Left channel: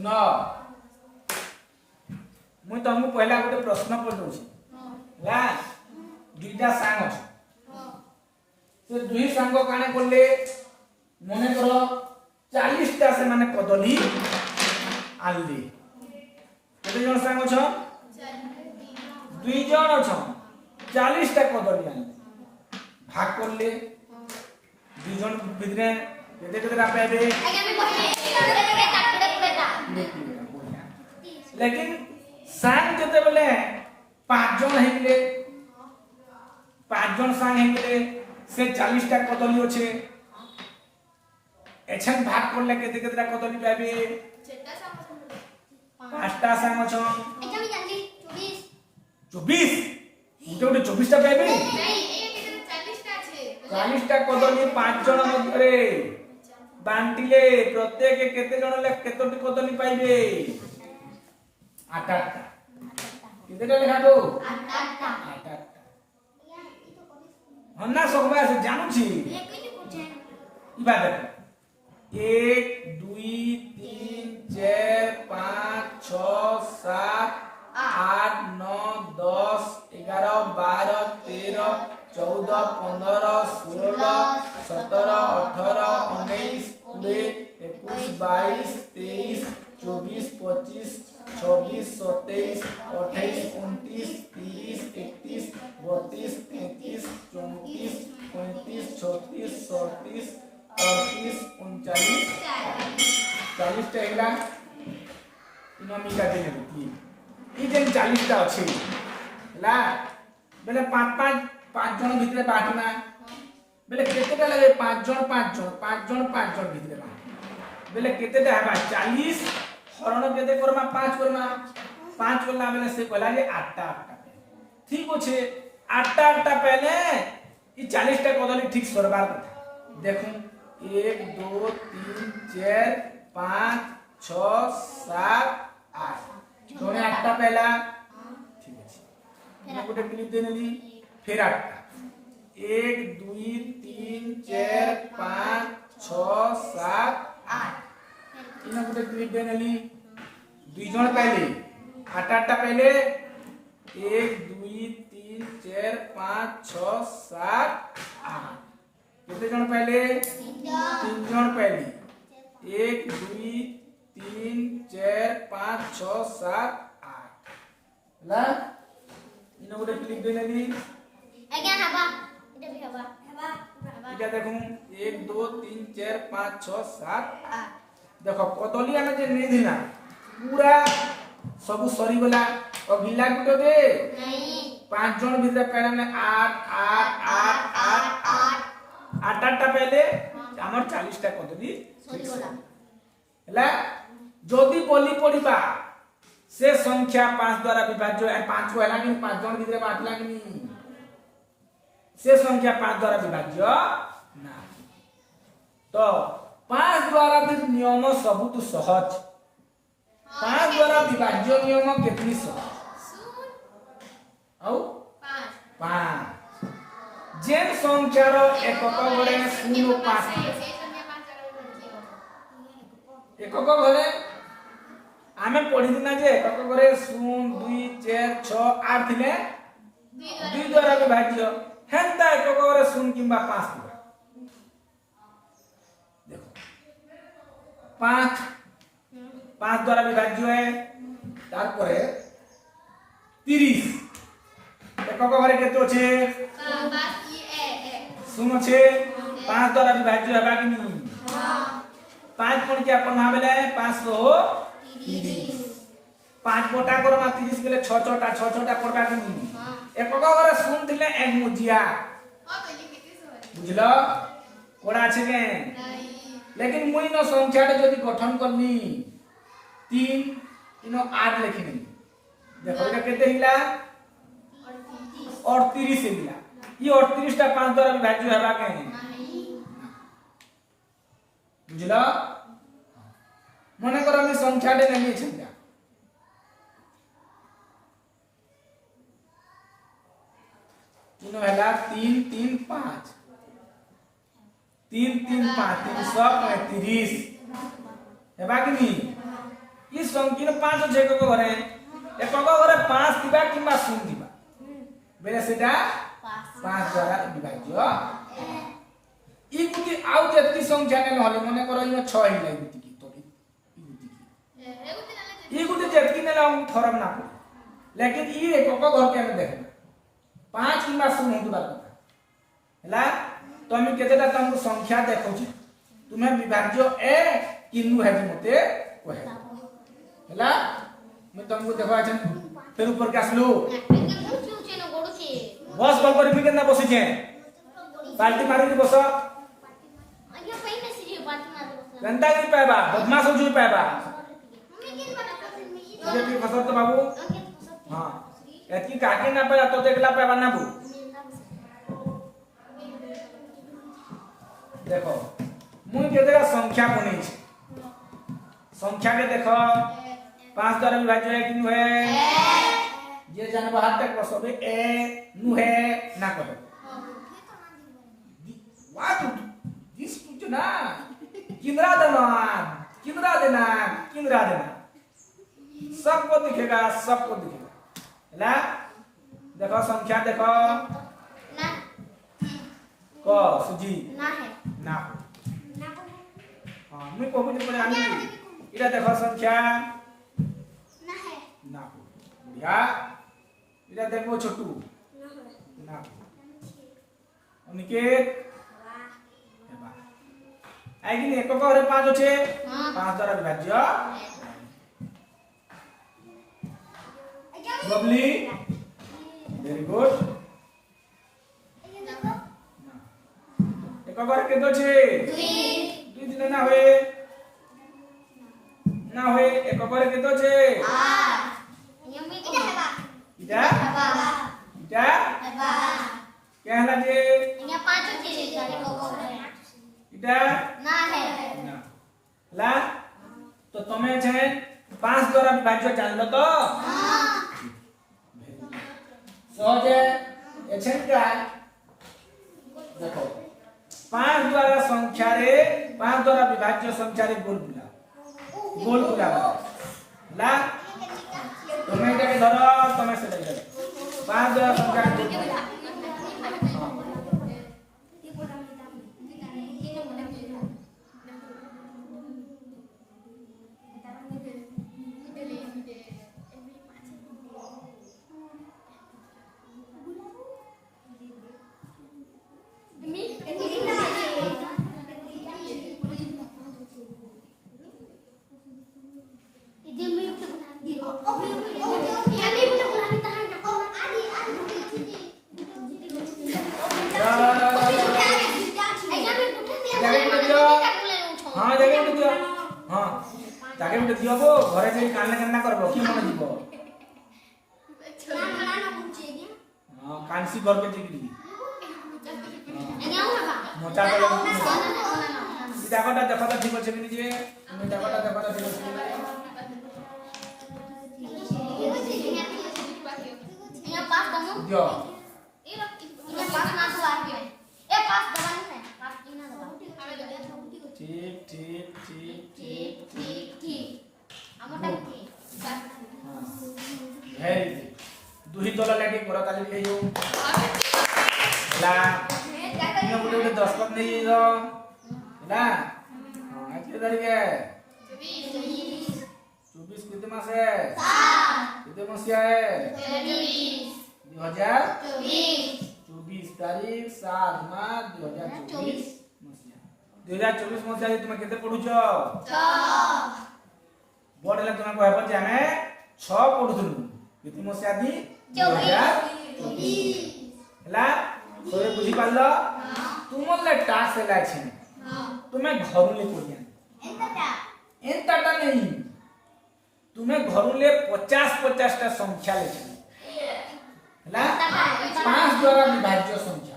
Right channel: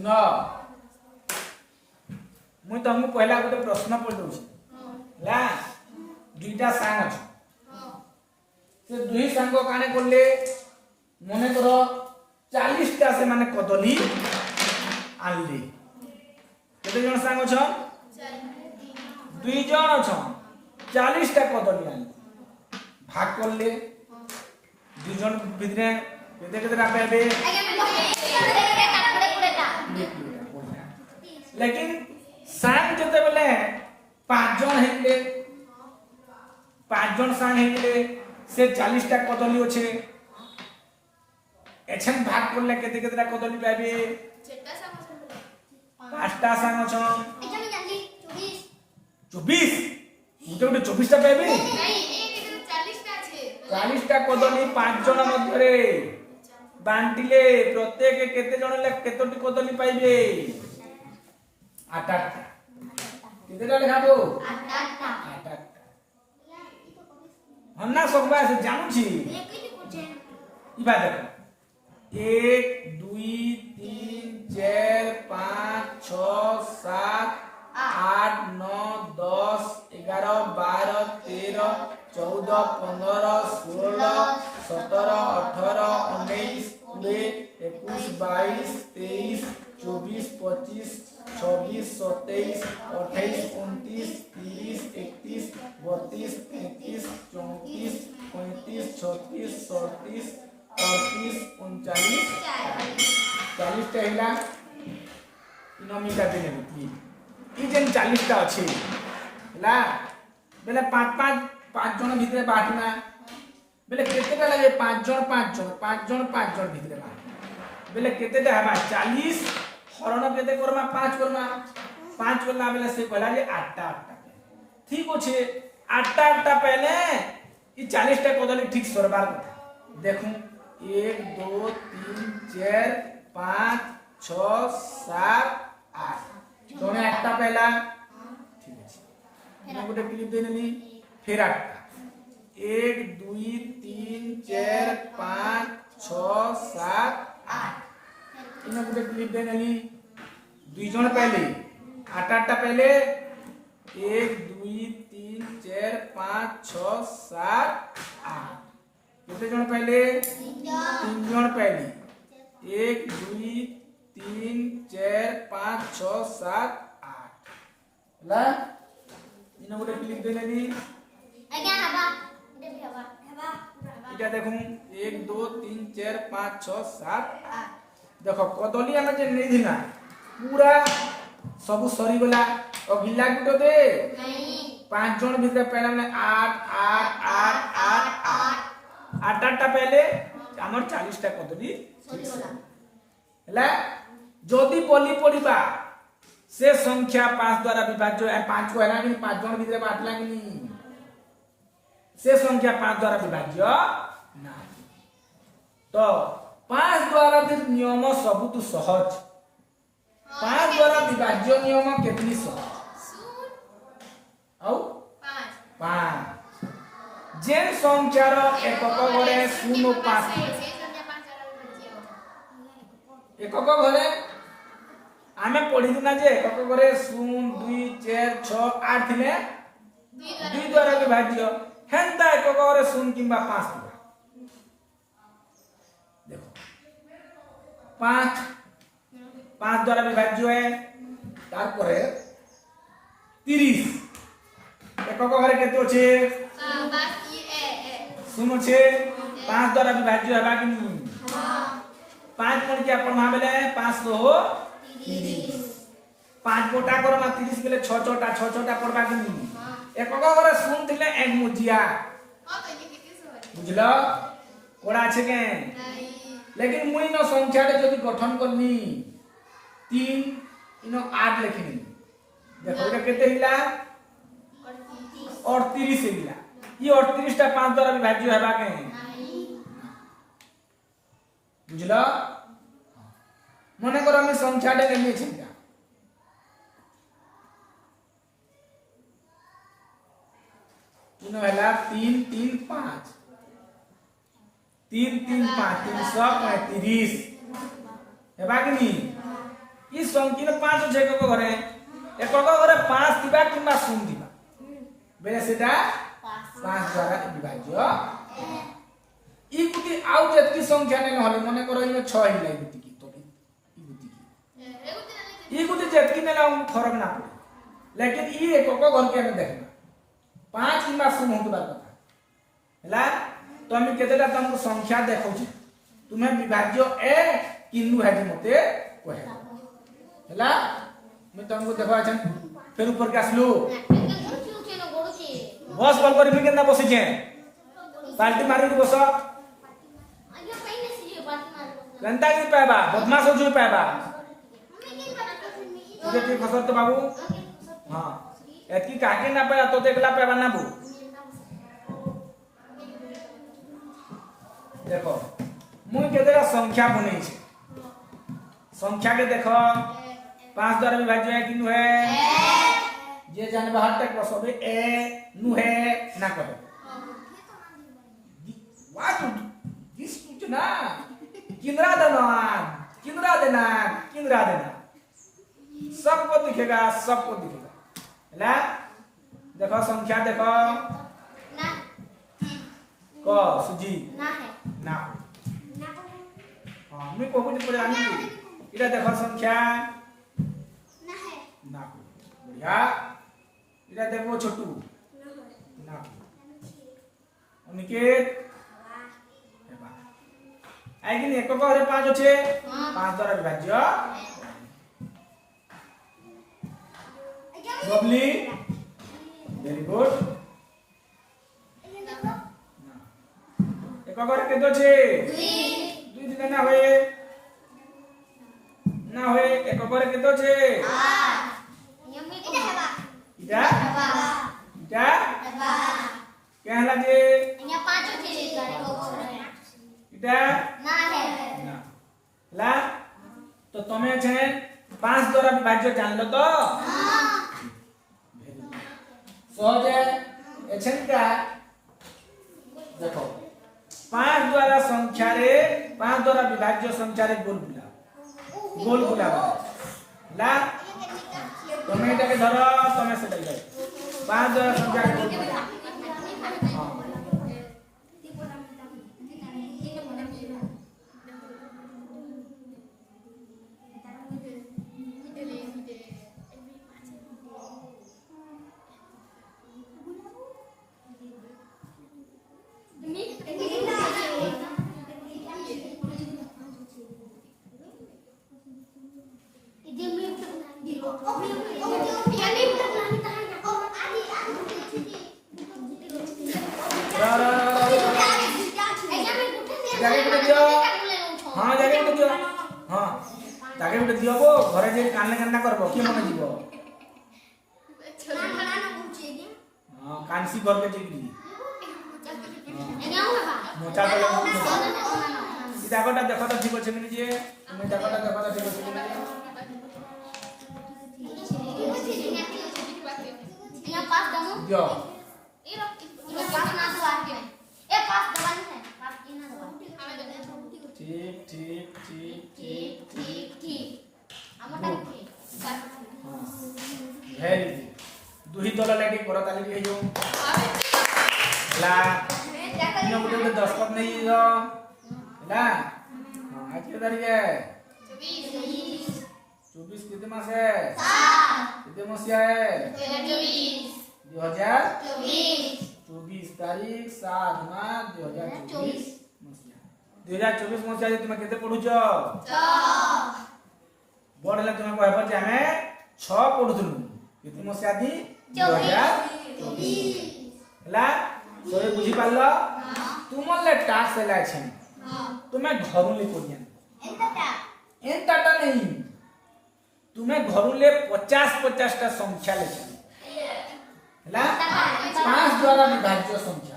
सुनो मुई तुमको पहला गोटे प्रश्न पचाऊँ ला दुईटा सांग अच्छे से दुई सांग काने करले मने कर 40टा से माने कदली आनले केते जन सांग छ दुई जन छ 40टा कदली आनले भाग करले दुई जन बिदने केते केते पाबे लेकिन सांग जते बेले 5 जन हेले 5 जन सांग हेले से 40टा कदली अछि एछन भाग करले केते केतेटा कदली पाबे छटा सांग 5टा सांग छ एजा में जानली 24 मुझे 24टा पाबे नहीं एक 40टा छे 40टा कदली 5 जन मध्यरे बांटिले प्रत्येक केते जन ले केतोटी कदली पाइबे 8 केतेटा लेखाबो 8 हन्ना सबा से जानू छी इबा देखो 1 2 3 4 5 6 7 8 9 10 11 12 13 14 15 16 17 18 19 20 21 22 23 24 25 26 27 28 29 30 31 32 33 34 35 36 37 38 39 40 टा हैला इनो मिला देने की ई जेन 40 टा अछि हैला बेले 5 जन भितरे बाटना बेले केतेटा लागे 5 जन भितरे बाट बेले केतेटा हेबा 40 हरण केते करमा 5 करमा 5 करला बेले से कहला जे 8टा ठीक अछि 8टा पहले ई 40 टा कदली ठीक सरबार कथा देखू 1 2 3 4 5 6 7 8 दोने 8टा पहला ठीक अछि मैं गोटे क्लिप देनेली फिर 8टा 1 2 3 4 5 6 7 8 इना गोटे क्लिप देनेली दुई जन पहले 8टा पहले 1 2 3 4 5 6 7 8 कितने जन पहले 3 जन पहले 1 2 3 4 5 6 7 8 ला इना गोटे क्लिक देनेली आज्ञा हबा इधर भी हबा इटा देखो 1 2 3 4 5 6 7 8 देखो कदली आने जे नहीं दिना पूरा सब सरी गला और गिला गुटो दे नहीं 5 जन भीतर पहले में 8 8 8 8 8 8टा पहले हमर 40 टा कदली हला जदी बोली पड़िबा से संख्या 5 द्वारा विभाज्य है 5 को हला कि 5 जन भीतर बाटला कि से संख्या 5 द्वारा विभाज्य ना तो 5 द्वारा नियम सबुत सहज 5 द्वारा विभाज्य नियम केतनी सहज औ 5 जेन संख्यार एकक घरे 0 5 एकक घरे आमे पढिदिना जे एकक घरे 0 2 4 6 8 थिले 2 द्वारा विभाज्य हेंता एकक घरे 0 किंबा 5 देखो 5 द्वारा विभाज्य है तार पर 30 एकक घरे केते अछि बात ये ए सुनो छे 5 द्वारा विभाज्य हेबा कि नहीं हां 5 कोन के अपन भाबेले 5 हो 30 5 गोटा करमा 30 गेले 6 6टा पड़बा कि नहीं एकक घरे सुन थिले एक मुजिया हां कहली केते सो बुझलो कोड़ा छै के नहीं लेकिन मुई न संख्या रे जदी गठन करनी 3 इनो 8 लिखनी देखो एटा केते हिला 38 हिला ये 38 टा 5 द्वारा विभाज्य हेबा के नहीं बुझलो मने करो मी संख्या रे नहीं छिटा इनो हला 3 3 5 3 3 5 330 हेबा कि नहीं ଇ ସଂଖ୍ୟା 5 ଅଛି ଏକ ଘରେ ଏକ ଘରେ 5 ଥିବା କିମ୍ବା 0 ଥିବା ବେଲେ ସେଟା 5 ଦ୍ୱାରା ବିଭାଜ୍ୟ ଇ গুটি ଆଉ ଯେତିକି ସଂଖ୍ୟା ନେ নহলে মনে করো ইনো 6 ହିଁ নাই গুটি কি তো ই গুটি ଯେତିକି ନେଲେ हम फरक ना पड़े लेकिन इ एक घर के हम देखना 5 किंवा 0 होतबार କଥା ହେଲା तो हम केतेटा तुमको संख्या देखौची तुम्हें विभाज्य ए किनु हेबी मते कहे ହେଲା मैं तुमको देखो अच्छा फिर ऊपर के आसलु बस कॉल कर भी केना बसी छे पार्टी मारी दी बस घंटा की पाएबा बदमाश हो जो पाएबा ये की बस तो बाबू हां एतकी काके ना पाए तो देखला पाएबा ना बू देखो मुई केतेरा संख्या बनै छै संख्या के देखो 5 द्वारा विभाज्य है कि नु है ये जानबा हाथ तक बसबे ए नु है ना कहे व्हाट दिस कुछ ना किंद्रा देना सबको दिखेगा है देखो संख्या देखो को सुजी ना हां मैं को बोली आनी इरा देखो संख्या ना बढ़िया इरा देखो छोटू ना अनिकेत आइगिन एक घरे 5 আছে 5 দ্বারা বিভাজ্য lovely very good एक घरे केतो আছে 2 দিনে না হয়ে एक घरे केतो আছে 8 এটা कहला जे यहाँ 5 আছে घरे को इटा ना है ला तो तमे छे 5 द्वारा विभाज्य जानलो तो हां सहज एछन क्या देखो 5 द्वारा संख्या रे 5 द्वारा विभाज्य संख्या रे गोल बुला ला तमे एटा के धरो तमे से ले 5 द्वारा संख्या रे गोल बुला हां जाके उठ दियो हां जाके उठ दियो गो घरे जे कान्ना कान्ना करबो की मने जीवो हां कांसी घर के जीवी मोचा के जागोटा देखो तो ठीक আছে কি দিয়ে তুমি जागोटा देखो तो ठीक আছে यहाँ 5 दमो दियो ये 5 ना तो आ गया ए 5 दबानी है 5 की ना दबा ठीक हमटा ठीक भेरी दुही तला लेडी परा ताली हे जो ला नो गुटे 10 कप नहीं जो ला आज के तारीख है 24 कितने मास है 7 कितने मसिया है 2024 तारीख 7 मार्च 2024 2024 मसिया तुम केते पढुछ 6 बोर्ड तुम कहब जे हमें 6 पढुथुनु कितने मसिया दी 2024 हला सोरे बुझी पालो तुमले टास्क हला छै तुम्हें घरु ले कोडिया एंतटा नहीं तुम्हें घरु ले 50 टा संख्या ले हला 5 द्वारा विभाज्य संख्या